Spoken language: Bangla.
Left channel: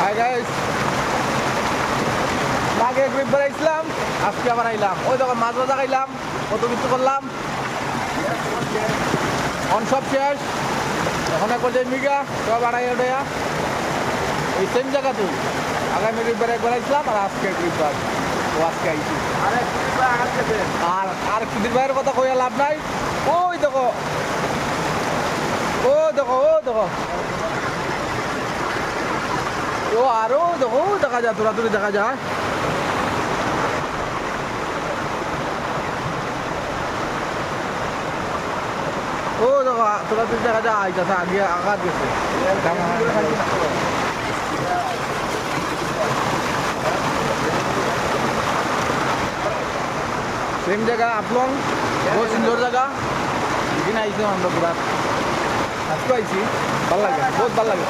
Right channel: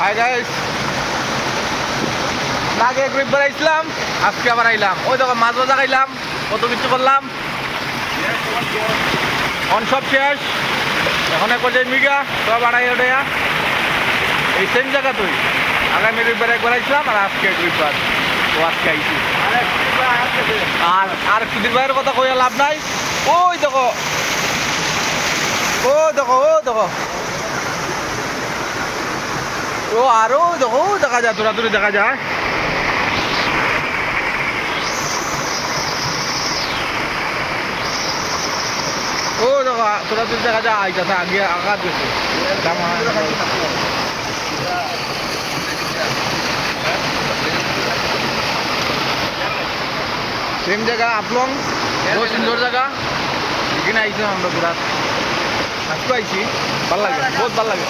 হাই গাইস, আগে গ্রুপ বেড়াইছিলাম, আজকে আবার আইলাম। ওই দেখো মাছ বাজা খাইলাম, কত কিছু করলাম। অন সব শেষ, এখন এক পর্যায়ে মিগা সব আড়াই ওটাইয়া এই সেম জায়গা তুই আগামী রবিবার একবার আইছিলাম আর আজকে রবিবার তো আজকে আইছি। আর সুধীর ভাইয়ের কথা কইয়া লাভ নাই। ওই দেখো ও দেখো ও দেখো ও আরো দেখো দেখা যায়, তোরা তুলি দেখা যায়। ও দেখো তোরা তুলি দেখা যায় আইতাছে, আগে আঘাত গেছে। সেম জায়গা আপলং, বহুত সুন্দর জায়গা। এখানে আইছিলাম আমরা পুরা, আজকে আইছি, ভাল লাগে, বহুত ভাল লাগে।